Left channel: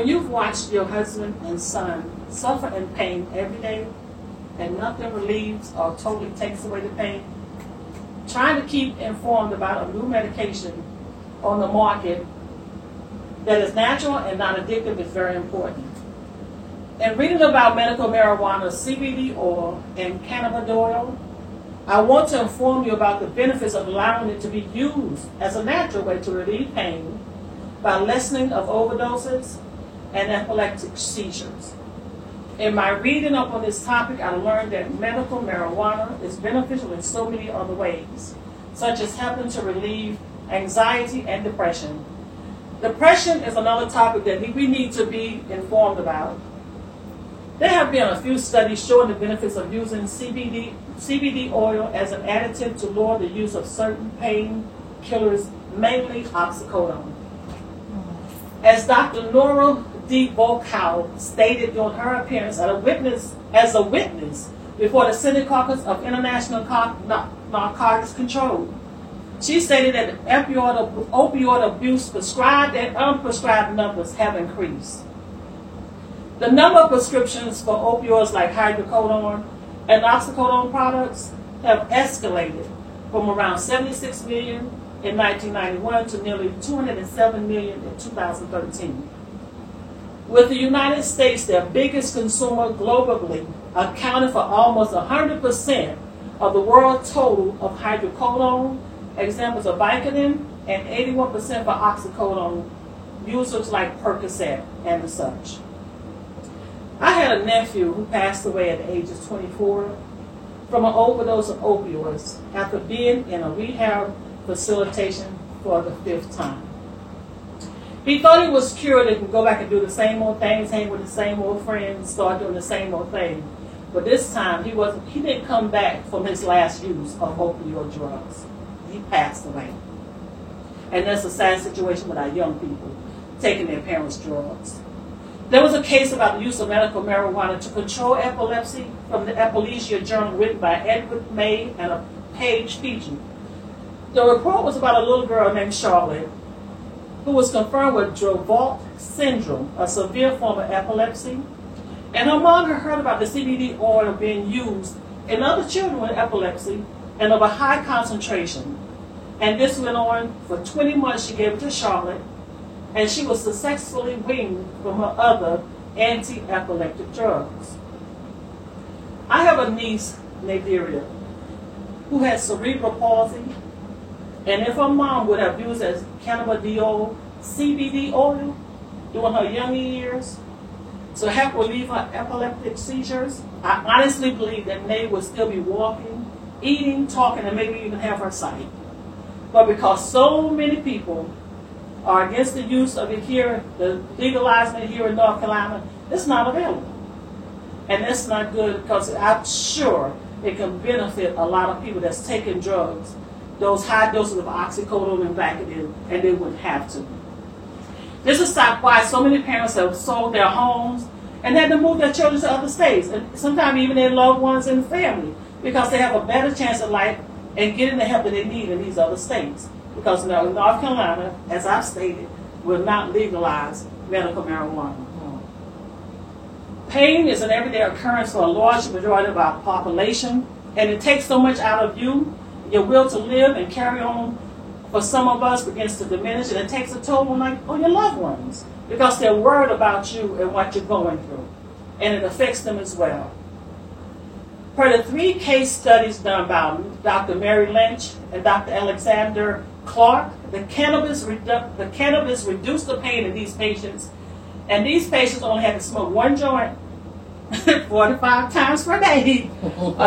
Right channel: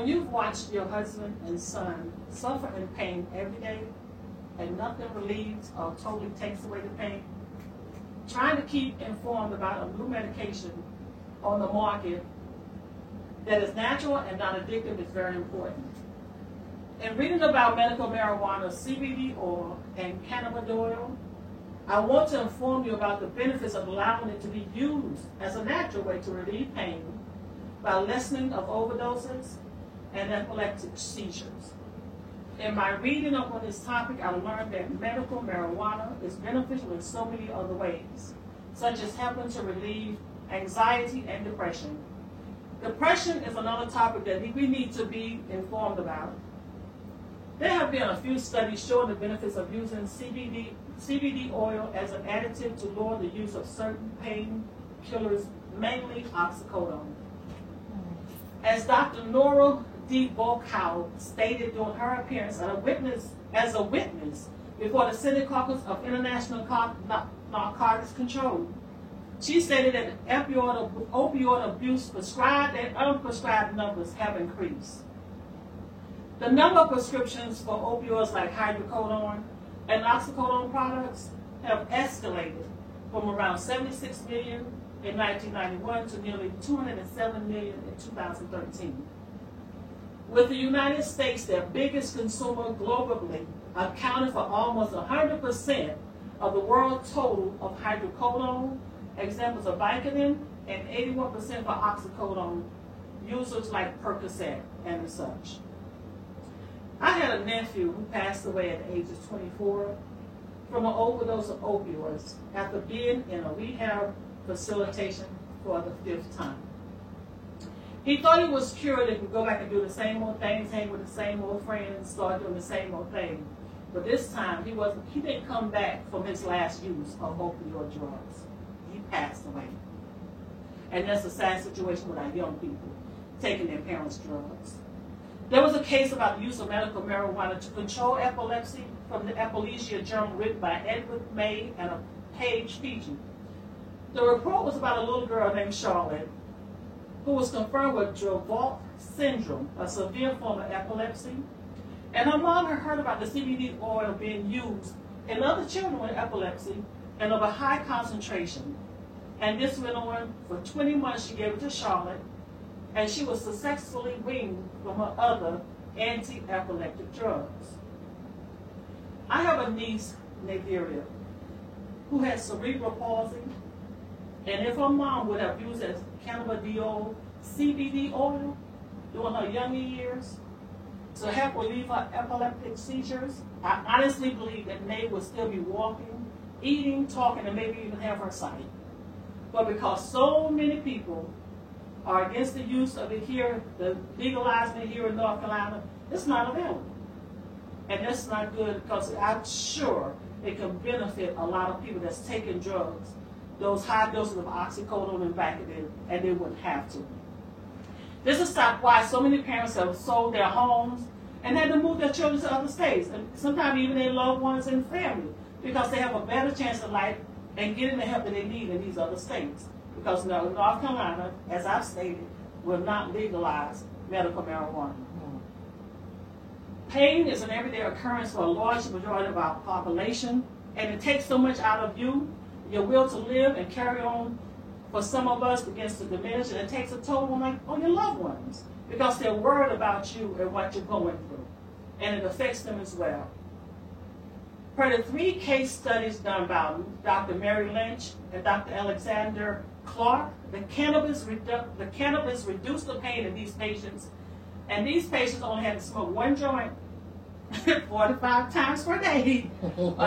When you've watched your husband and son suffer in pain every day and nothing relieves or totally takes away the pain, trying to keep informed about a new medication on the market that is natural and not addictive is very important. In reading about medical marijuana, CBD oil, and cannabidiol, I want to inform you about the benefits of allowing it to be used as a natural way to relieve pain by lessening of overdoses and epileptic seizures. In my reading up on this topic, I learned that medical marijuana is beneficial in so many other ways, such as helping to relieve anxiety and depression. Depression is another topic that we need to be informed about. There have been a few studies showing the benefits of using CBD oil as an additive to lower the use of certain pain killers, mainly oxycodone. As Dr. Nora D. Volkow stated during her appearance as a witness before the Senate Caucus of International Narcotics Control, she stated that opioid abuse prescribed and unprescribed numbers have increased. The number of prescriptions for opioids like hydrocodone and oxycodone products have escalated from around 76 million in 1991 to nearly 207 million in 2013. With the United States, their biggest consumer globally, accounting for almost 100% of the world total of hydrocodone, examples of Vicodin, and 81% for oxycodone, users like Percocet and such. I had a nephew who passed away at the age of 24 from an overdose of opioids after being in a rehab facilitation for the 5th time. He thought he was cured and could go back and do the same old things, hang with the same old friends, start doing the same old thing. But this time, he didn't come back from his last use of opioid drugs. He passed away. And that's a sad situation with our young people taking their parents' drugs. There was a case about the use of medical marijuana to control epilepsy from the Epilepsia Journal written by Edward May and Paige Fiji. The report was about a little girl named Charlotte who was confirmed with Dravet syndrome, a severe form of epilepsy. And her mom had heard about the CBD oil being used in other children with epilepsy and of a high concentration. And this went on for 20 months. She gave it to Charlotte, and she was successfully weaned from her other anti-epileptic drugs. I have a niece, Nadiria, who has cerebral palsy, and if her mom would have used as cannabidiol CBD oil during her younger years to help relieve her epileptic seizures, I honestly believe that Nay would still be walking, eating, talking, and maybe even have her sight. But because so many people are against the use of it here, the legalizing it here in North Carolina, it's not available. And that's not good because I'm sure it can benefit a lot of people that's taking drugs, those high doses of oxycodone and Vicodin, and they wouldn't have to. This is why so many parents have sold their homes and had to move their children to other states, and sometimes even their loved ones and family, because they have a better chance of life and getting the help that they need in these other states. Because North Carolina, as I've stated, will not legalize medical marijuana. Pain is an everyday occurrence for a large majority of our population, and it takes so much out of you. Your will to live and carry on for some of us begins to diminish, and it takes a toll on your loved ones because they're worried about you and what you're going through, and it affects them as well. Per the 3 case studies done by Dr. Mary Lynch and Dr. Alexander Clark, the cannabis reduced the pain in these patients, and these patients only had to smoke 1 joint 45 times per day,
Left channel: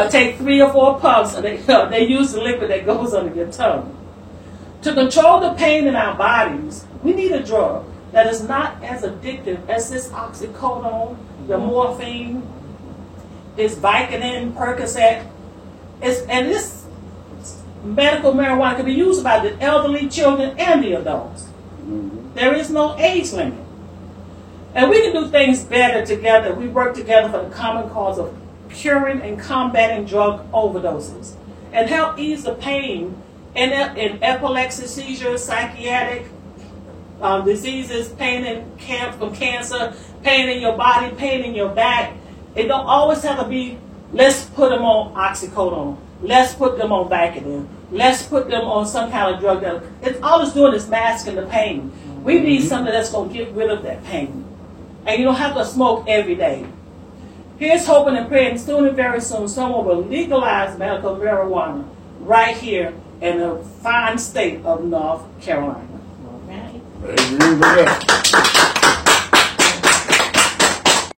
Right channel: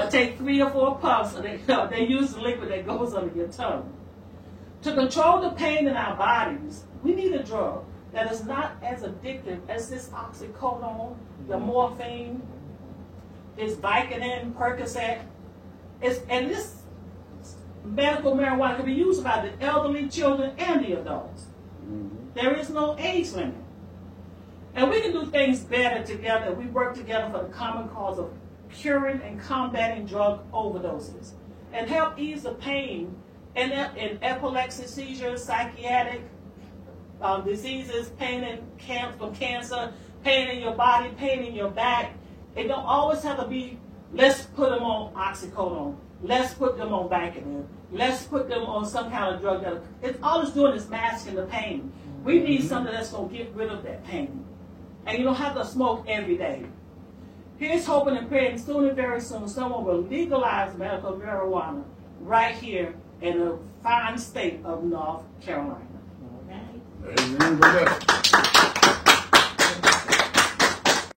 take 3 or 4 puffs, and they use the liquid that goes under your tongue. To control the pain in our bodies, we need a drug that is not as addictive as this oxycodone, the morphine, this Vicodin, Percocet, and this medical marijuana can be used by the elderly, children, and the adults. There is no age limit. And we can do things better together. We work together for the common cause of curing and combating drug overdoses and help ease the pain in epilepsy, seizures, psychiatric diseases, pain from cancer, pain in your body, pain in your back. It don't always have to be, let's put them on oxycodone. Let's put them on Vicodin. Let's put them on some kind of drug. It's all it's doing is masking the pain. We need something that's going to get rid of that pain. And you don't have to smoke every day. Here's hoping and praying soon and very soon someone will legalize medical marijuana right here in the fine state of North Carolina. Amen.